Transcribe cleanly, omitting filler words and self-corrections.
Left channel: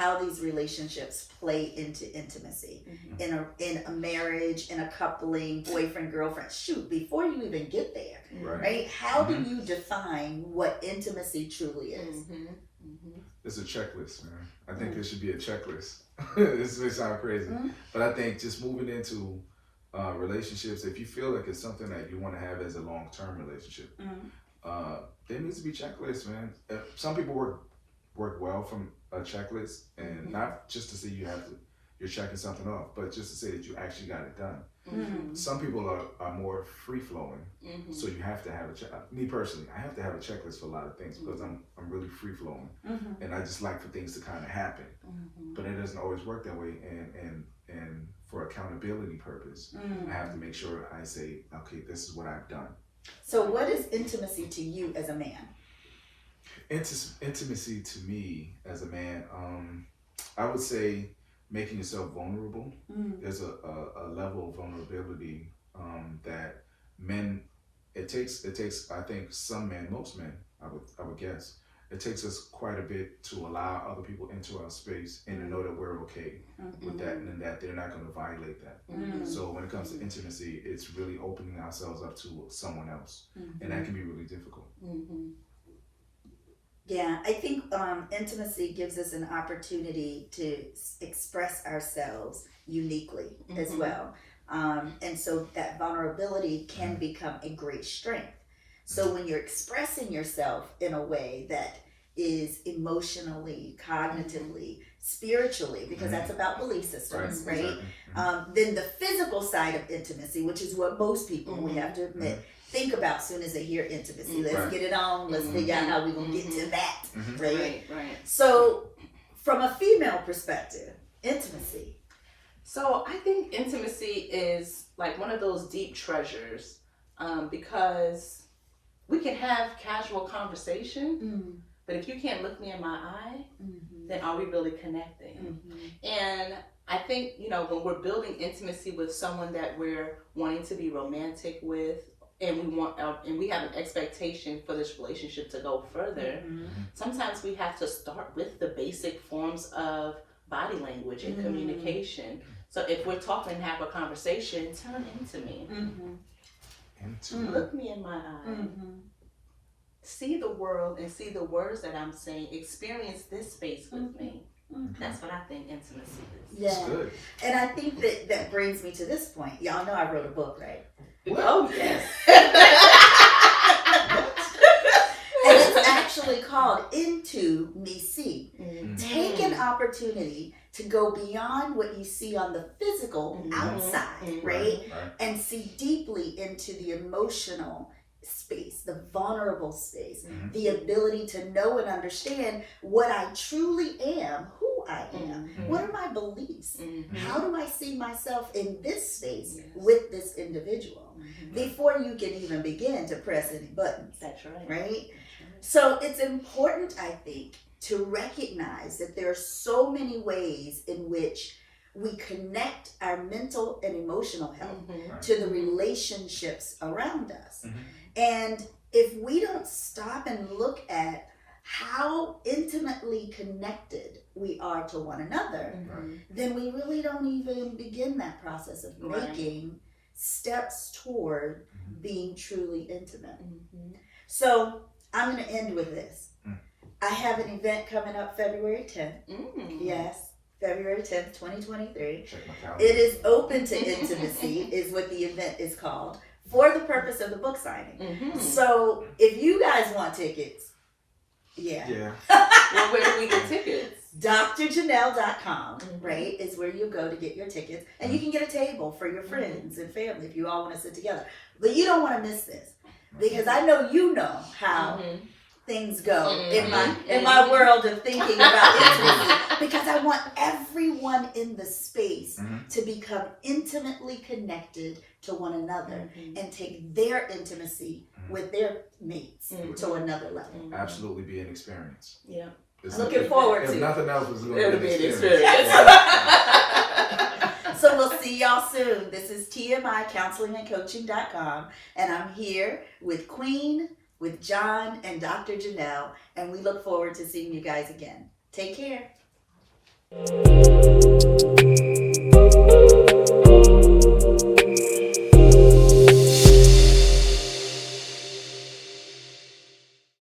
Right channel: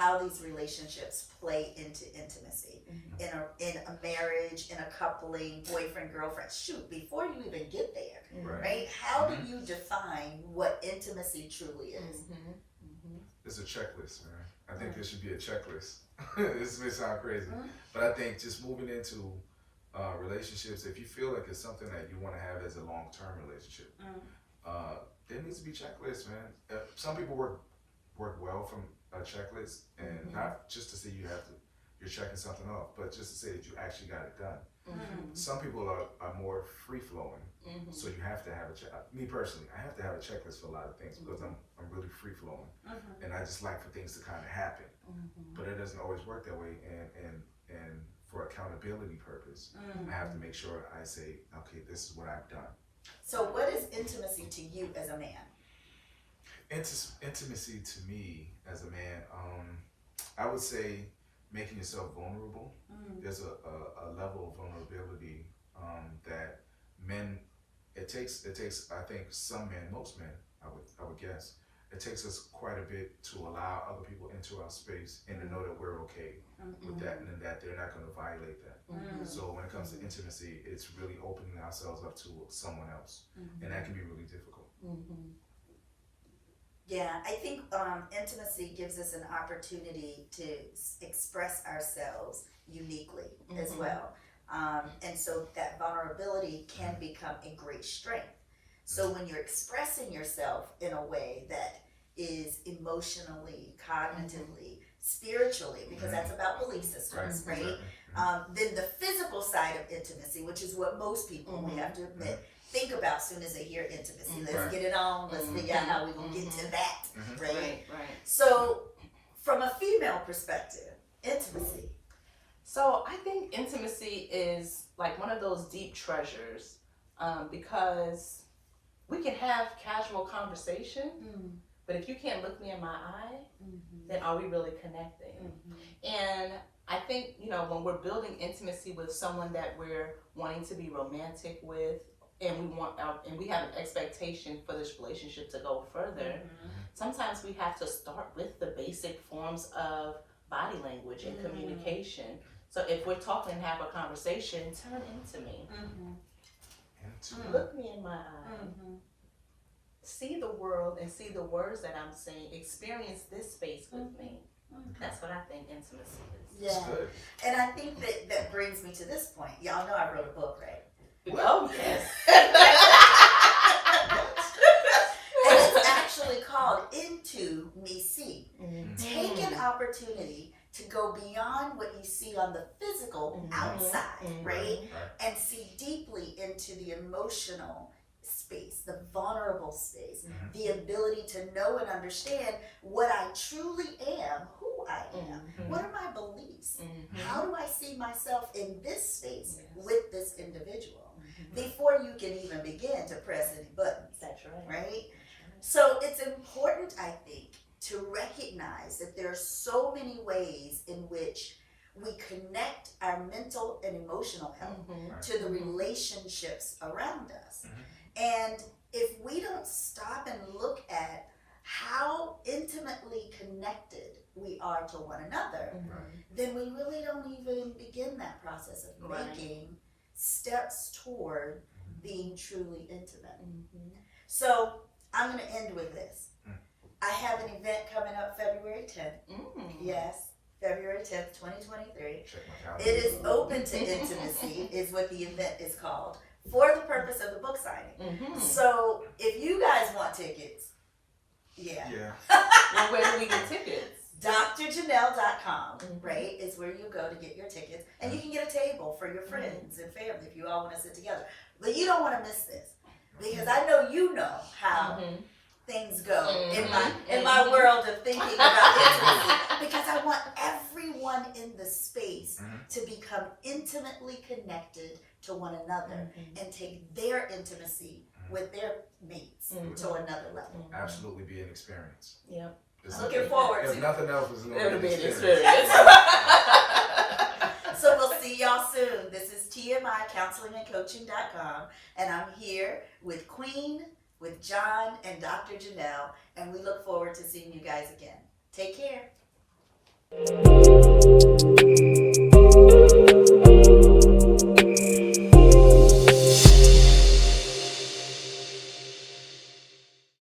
how these relationships play into intimacy in a marriage, in a coupling, boyfriend, girlfriend. Shoot, before you even get there, right? How do you define what intimacy truly is? It's a checklist, man. I think it should be a checklist. This may sound crazy, but I think just moving into relationships, if you feel like it's something that you want to have as a long-term relationship, there needs to be checklists, man. Some people work well from a checklist, and not just to say you're checking something off, but just to say that you actually got it done. Some people are more free-flowing, so you have to have me personally, I have to have a checklist for a lot of things because I'm really free-flowing, and I just like for things to kind of happen, but it doesn't always work that way, and for accountability purpose, I have to make sure I say, okay, this is what I've done. So what is intimacy to you as a man? Intimacy to me as a man, I would say making yourself vulnerable. There's a level of vulnerability that men, it takes I think some men, most men, I would guess, it takes us quite a bit to allow other people into our space and to know that we're okay with that, and that they're not going to violate that. So when it comes to intimacy, it's really opening ourselves up to someone else, and that can be really difficult. Yeah, I think intimacy gives us an opportunity to express ourselves uniquely as well. And so that vulnerability can become a great strength. So when you're expressing yourself in a way that is emotionally, cognitively, spiritually, because that's about belief systems, right? Then the physical side of intimacy, which is what most people, we have to admit, think about as soon as they hear intimacy. Let's get it on. Let's figure out how we're going to get to that, right? So from a female perspective, intimacy. So I think intimacy is like one of those deep treasures, because we can have casual conversation, but if you can't look me in my eye, then are we really connecting? And I think, when we're building intimacy with someone that we're wanting to be romantic with, and we have an expectation for this relationship to go further, sometimes we have to start with the basic forms of body language and communication. So if we're talking and have a conversation, turn into me. Look me in my eye. See the world and see the words that I'm saying. Experience this space with me. That's what I think intimacy is. Yeah. Good. And I think that brings me to this point. Y'all know I wrote a book, right? Oh, yes. And it's actually called Into Me See. Take an opportunity to go beyond what you see on the physical outside, right? And see deeply into the emotional space, the vulnerable space, the ability to know and understand what I truly am, who I am, what are my beliefs, how do I see myself in this space with this individual, before you can even begin to press any buttons. That's right. Right? So it's important, I think, to recognize that there are so many ways in which we connect our mental and emotional health to the relationships around us. And if we don't stop and look at how intimately connected we are to one another, then we really don't even begin that process of making steps toward being truly intimate. So I'm going to end with this. I have an event coming up February 10th. Yes, February 10th, 2023. It is open to intimacy is what the event is called, for the purpose of the book signing. So if you guys want tickets, well, where do we get tickets? drjanelle.com, right, is where you go to get your tickets. And you can get a table for your friends and family if you all want to sit together. But you don't want to miss this, because I know you know how things go in my world of thinking about intimacy, because I want everyone in the space to become intimately connected to one another and take their intimacy with their mates to another level. Absolutely be an experience. Yeah. Looking forward to it. If nothing else, it's going to be be an an experience. So we'll see y'all soon. This is TMI counselingandcoaching.com, and I'm here with Queen, with John, and Dr. Janelle, and we look forward to seeing you guys again. Take care. bye.